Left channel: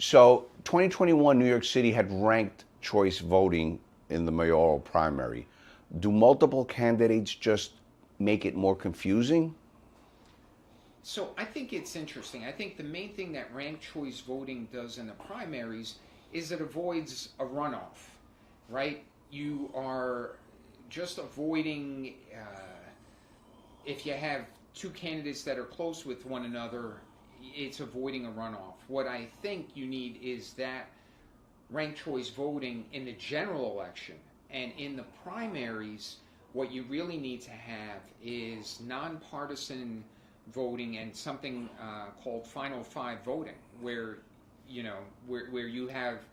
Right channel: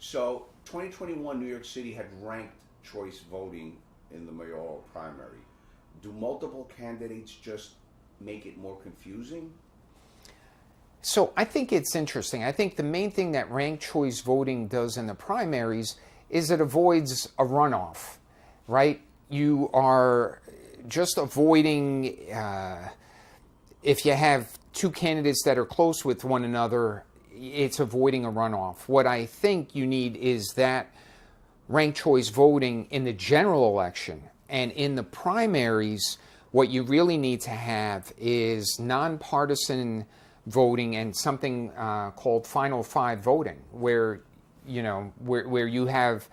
So 2021 New York City had ranked choice voting in the mayoral primary. Do multiple candidates just make it more confusing? So I think it's interesting. I think the main thing that ranked choice voting does in the primaries is it avoids a runoff, right? You are just avoiding, if you have two candidates that are close with one another, it's avoiding a runoff. What I think you need is that ranked choice voting in the general election, and in the primaries, what you really need to have is nonpartisan voting and something called Final Five voting, where where you have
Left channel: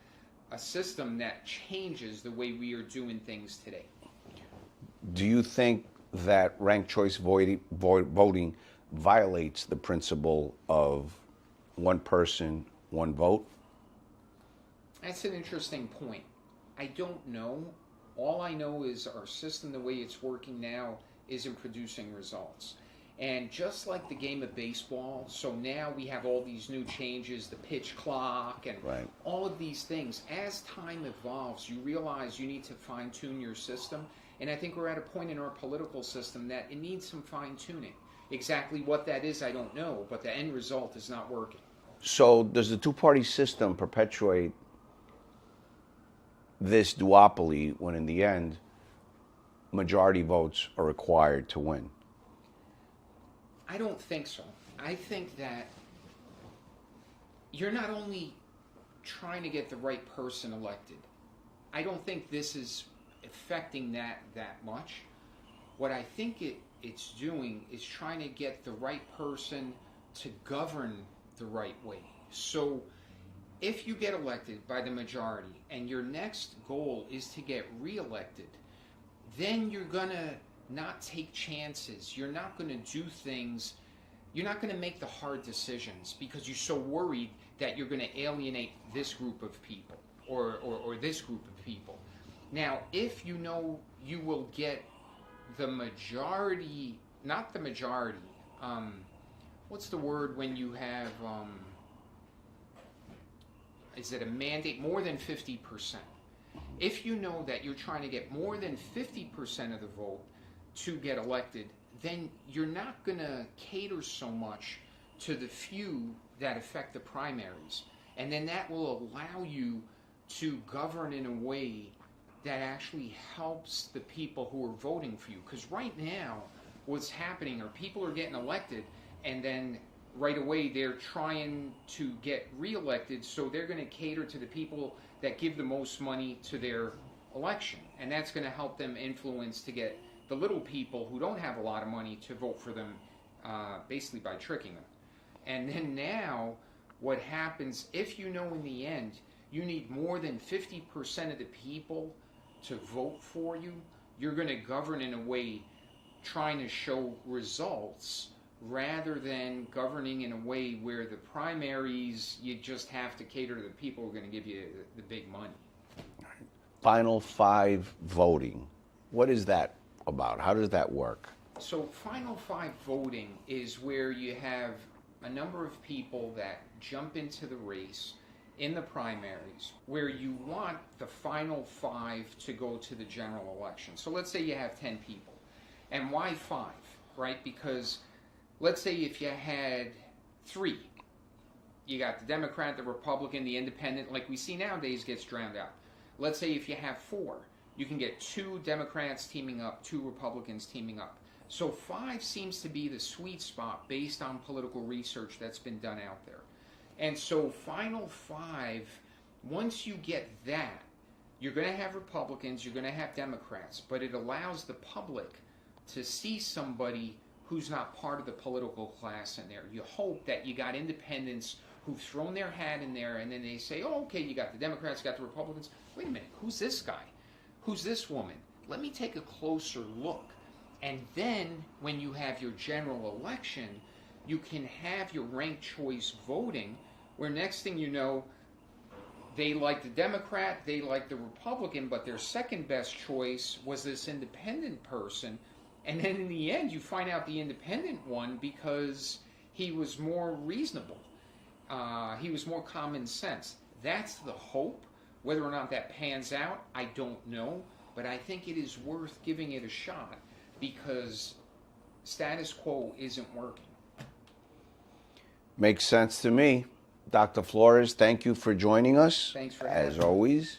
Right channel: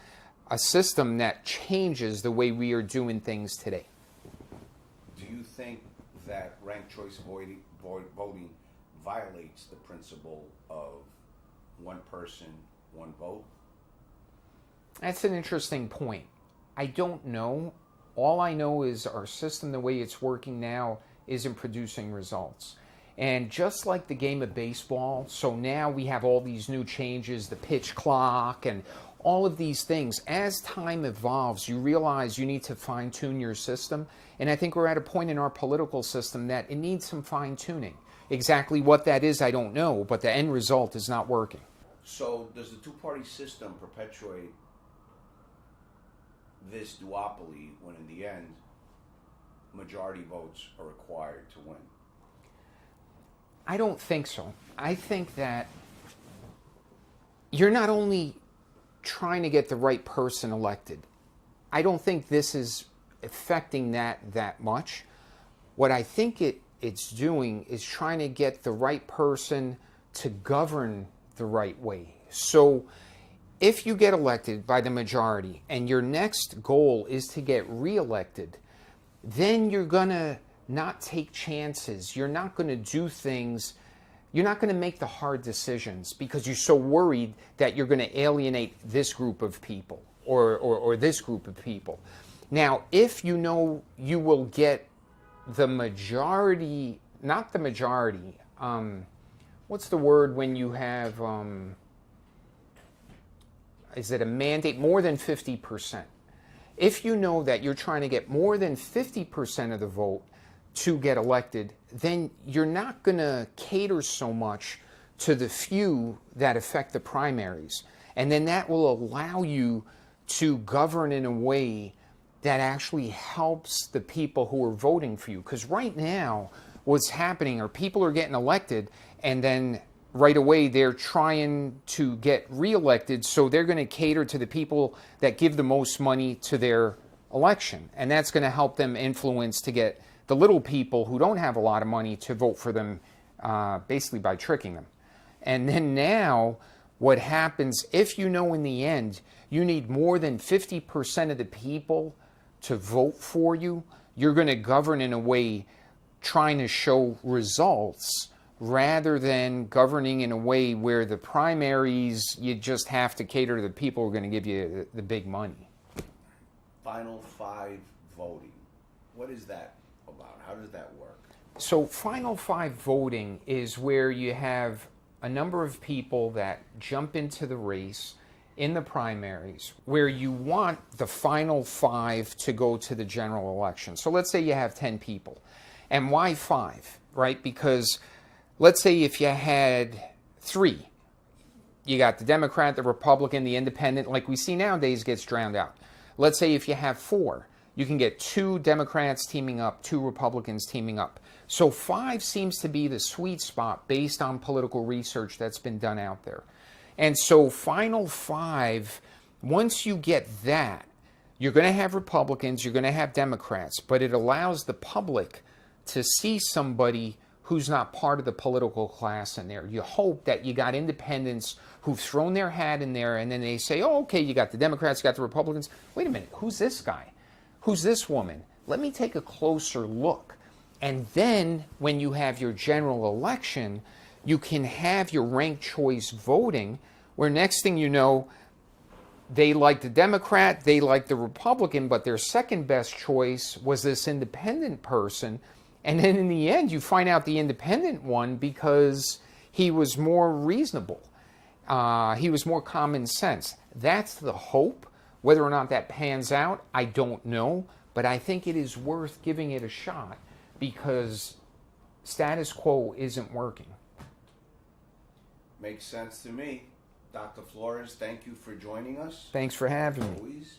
a system that changes the way we are doing things today. Do you think that ranked choice voting violates the principle of one person, one vote? That's an interesting point. I don't know. All I know is our system, the way it's working now, isn't producing results. And just like the game of baseball, so now we have all these new changes, the pitch clock and all of these things. As time evolves, you realize you need to fine-tune your system. And I think we're at a point in our political system that it needs some fine-tuning. Exactly what that is, I don't know, but the end result is not working. So does the two-party system perpetuate this duopoly when in the end majority votes are required to win? I don't think so. I think that you're not only trying to get the right person elected. I don't think this is affecting that much. What I think it's doing is trying to get the right person to govern the right way. So if you get elected by the majority and your next goal is to get reelected, then you're going to not take chances. You're not going to do things. You're not going to make the hard decisions because you're so worried that you're going to alienate this group of people or this group of people. Now, if you know you will get the majority, not the majority, what's the word when you have, is it a mandate? More than 50%. If you know that you're trying to get more than 50% of the vote to get elected, then you're not going to cater so much to the few that affect the primaries. And then that will allow you to govern in a way that actually helps the people who are voting for you. Because right now, what's happening are people are getting elected and then right away they're trying to get reelected, so they're going to cater to the people that give the most money to their election. And that's going to help them influence to get the little people who don't have a lot of money to vote for them, basically by tricking them. And then now, what happens, if you know in the end you need more than 50% of the people to vote for you, you're going to govern in a way trying to show results rather than governing in a way where the primaries, you just have to cater to the people who are going to give you the big money. Final Five voting. What is that about? How does that work? So Final Five voting is where you have a number of people that jump into the race in the primaries where you want the final five to go to the general election. So let's say you have 10 people. And why five, right? Because let's say if you had three, you got the Democrat, the Republican, the Independent, like we see nowadays gets drowned out. Let's say if you have four, you can get two Democrats teaming up, two Republicans teaming up. So five seems to be the sweet spot based on political research that's been done out there. And so Final Five, once you get that, you're going to have Republicans, you're going to have Democrats, but it allows the public to see somebody who's not part of the political class in there. You hope that you got independents who've thrown their hat in there, and then they say, oh, okay, you got the Democrats, you got the Republicans. Wait a minute, who's this guy? Who's this woman? Let me take a closer look. And then when you have your general election, you can have your ranked choice voting, where next thing you know, they like the Democrat, they like the Republican, but their second best choice was this independent person. And then in the end, you find out the independent won because he was more reasonable. he was more common sense. That's the hope. Whether or not that pans out, I don't know. But I think it is worth giving it a shot because status quo isn't working. Makes sense to me. Dr. Flores, thank you for joining us. Thanks for having me. As always.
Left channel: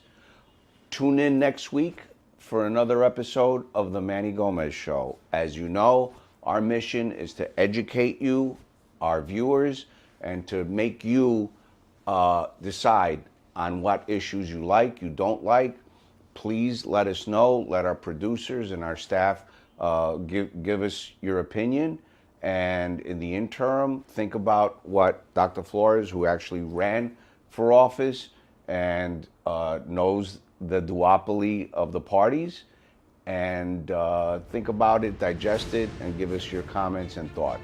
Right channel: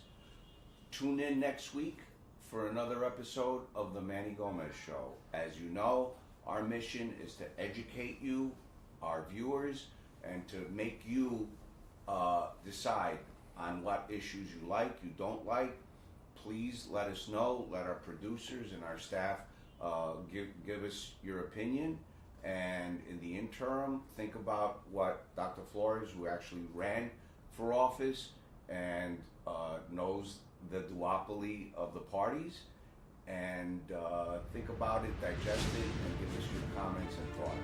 Tune in next week for another episode of The Manny Gomez Show. As you know, our mission is to educate you, our viewers, and to make you decide on what issues you like, you don't like. Please let us know. Let our producers and our staff give us your opinion. And in the interim, think about what Dr. Flores, who actually ran for office and knows the duopoly of the parties, and think about it, digest it, and give us your comments and thoughts.